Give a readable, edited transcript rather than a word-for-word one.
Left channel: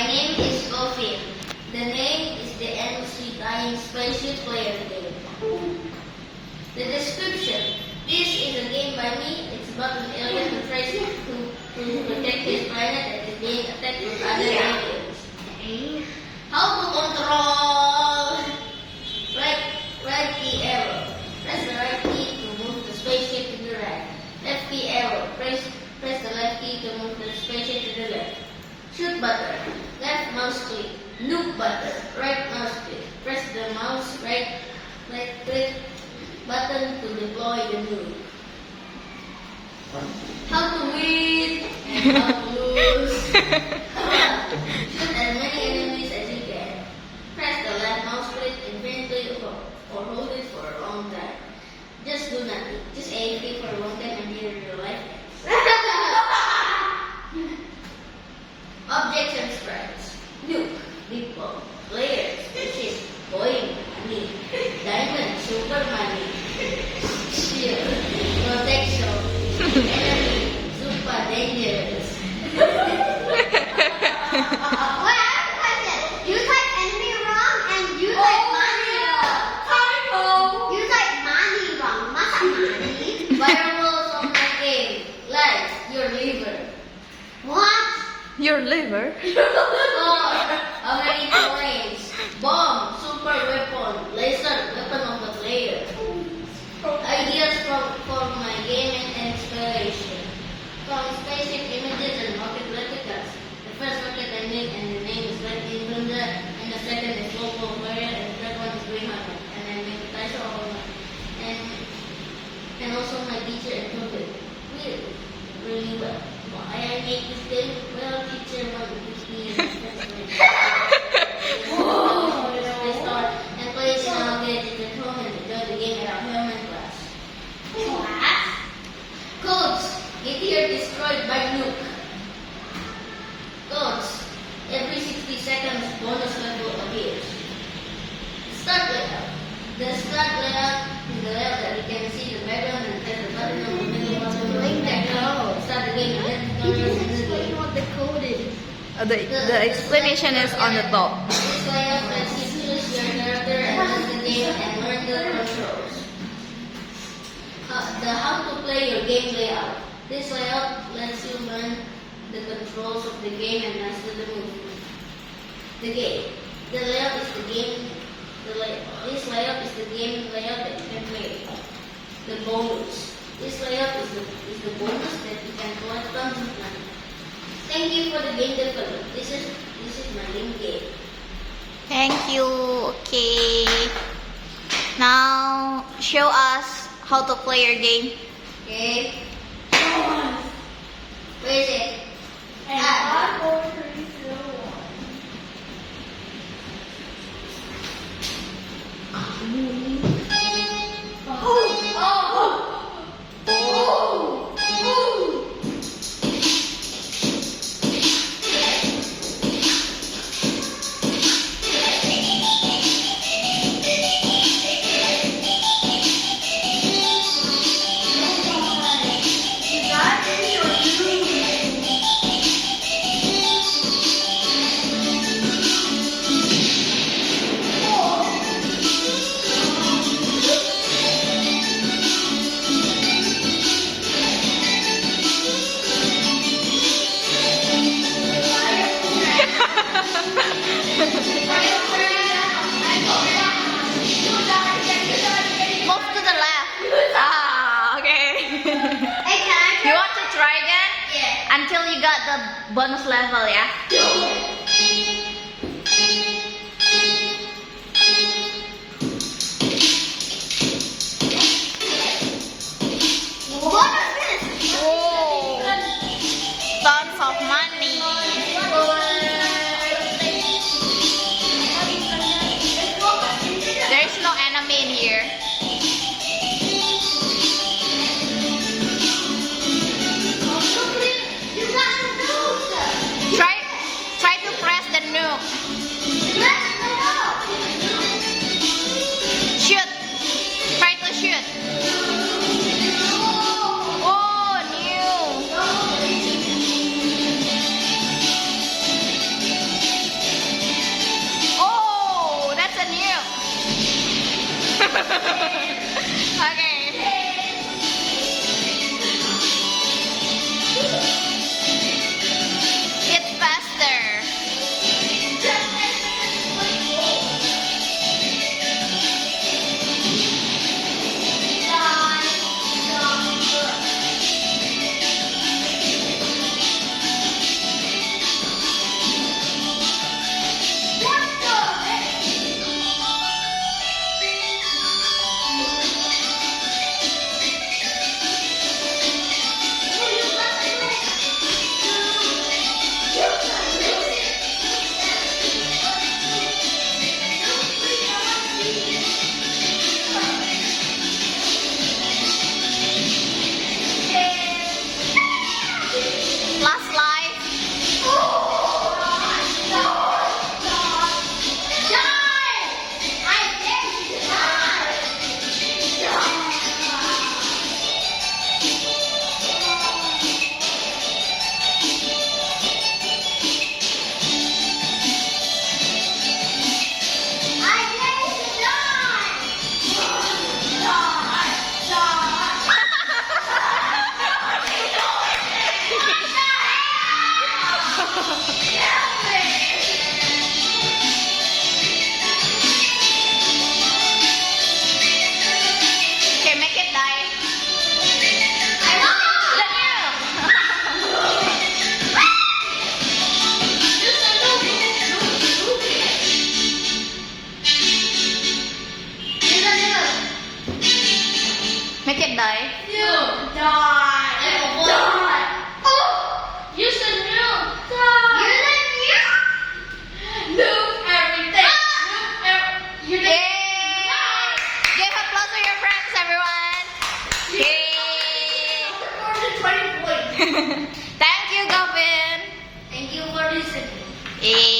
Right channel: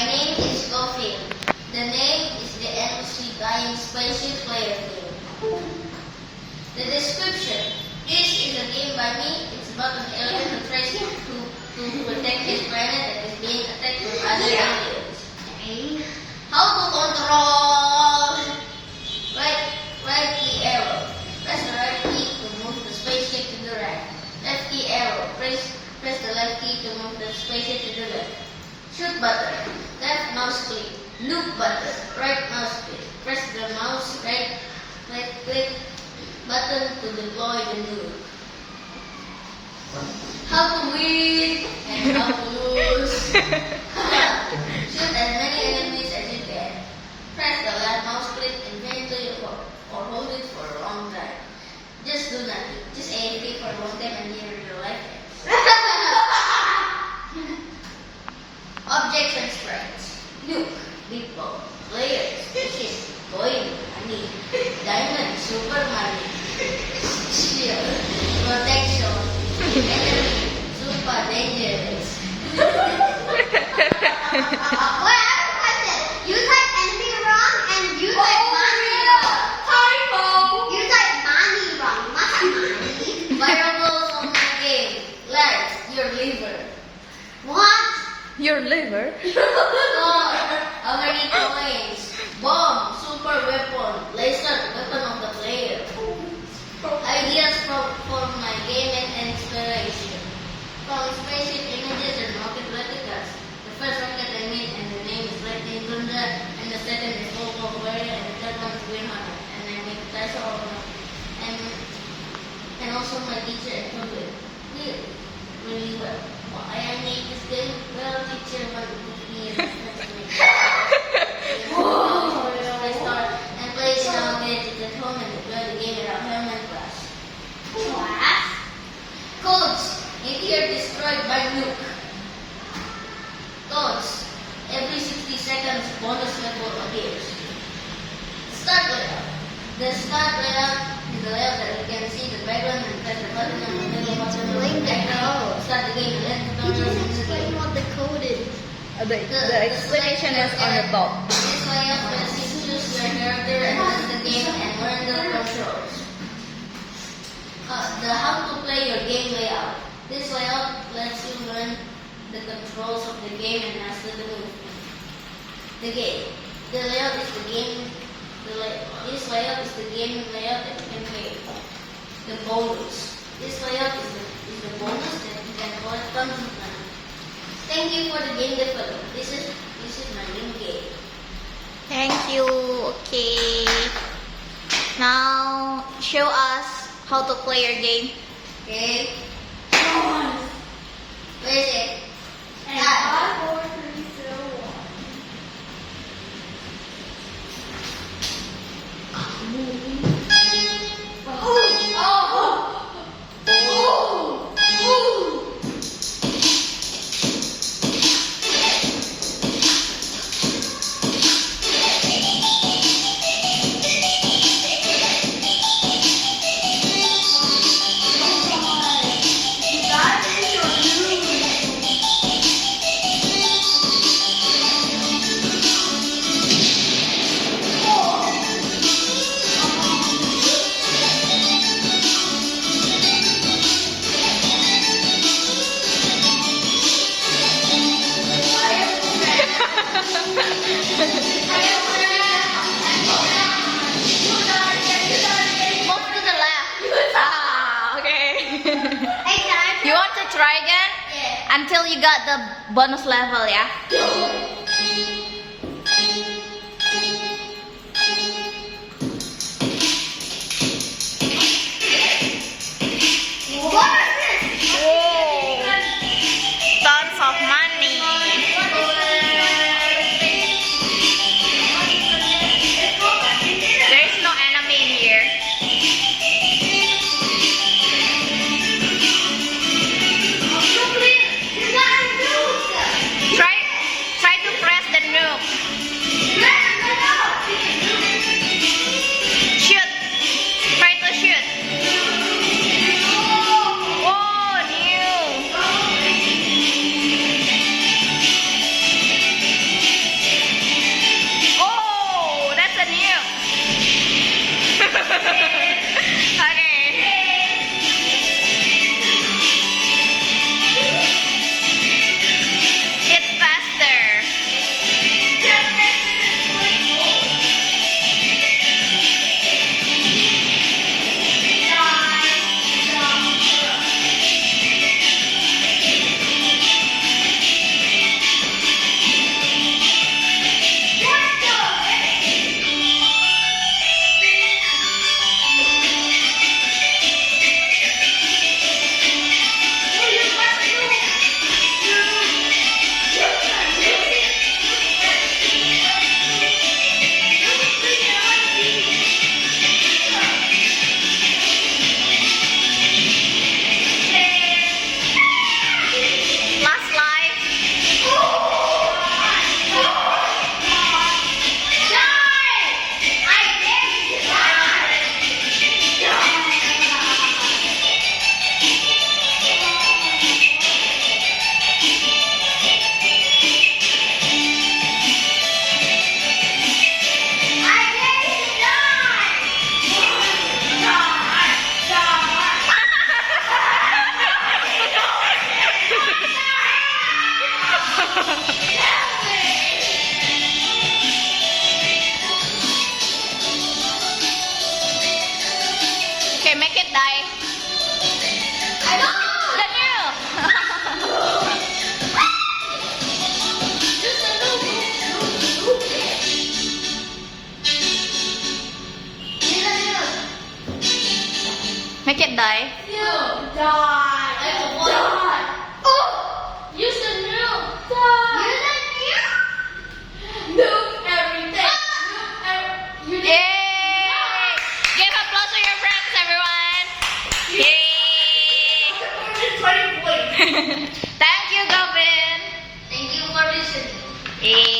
My name is Golfin. The name is the MC Dying Spaceship Player Game. The description. This is a game by me. It's about an alien who tries to protect his planet and is being attacked by other aliens. How to control? Right key arrow. Press the right key to move the spaceship to the right. Left key arrow. Press the left key to move the spaceship to the left. Shoot button. Left mouse click. Nuke button. Right mouse click. Press the mouse right click button to deploy the nuke. How to win and how to lose. Shoot as many enemies as you can. Press the left mouse click infinitely or hold it for a long time. Just do nothing. Just AFK for a long time and hear your life ends. Objects and sprites. Nuke, big ball, players, fishes, coin, money, diamond, super money, shield, protection, enemy, super dangerous. You type enemy wrong and you type money wrong. You type money wrong. Masa money? Variables of my game. Life, your liver. What? Your liver? Score, how many coins? Bomb, super weapon, laser, weapon of the player. Ideas for my game and inspiration. From spaceship images and rocket replicas. The first rocket I made and the name is Lightning Thunder, and the second is Lobo Warrior, and the third one is Green Hunter. And I made Tasha Olma. And also my teacher improved it really well. Why I made this game? Well, teacher wanted to teach me and I start and play nowadays at home and enjoy the game at our home and class. Codes. Get here destroyed by nuke. Codes. Every 60 seconds bonus level appears. Start layout. The start layout is the layout that you can see the background and press the button in the middle button on the background. Start the game and let the controls in the game. What the code is? The explanation is on the top. This layout lets you choose your character and run the game and learn the controls. The how to play your game layout. This layout lets you learn the controls of the game and master the movement. The game. The layout is the game. This layout is the game layout that you can play. The bonus. This layout is the bonus that you can collect tons of money. Thank you for the game development. This is my game game. Thank you. Okay. Now, show us how to play your game. Okay. Where is it? Move to the left. Ah, okay. You want to try again? Yeah. Until you got the bonus level, yeah? Whoa. Tons of money. There's no enemy in here. Try to Okay. It's faster. Last life. Okay, make it die. Then you. Make it die. Yay! Give applause to your friends, everyone. Yay! Thank you, Gavin. Thank you for listening. Yay!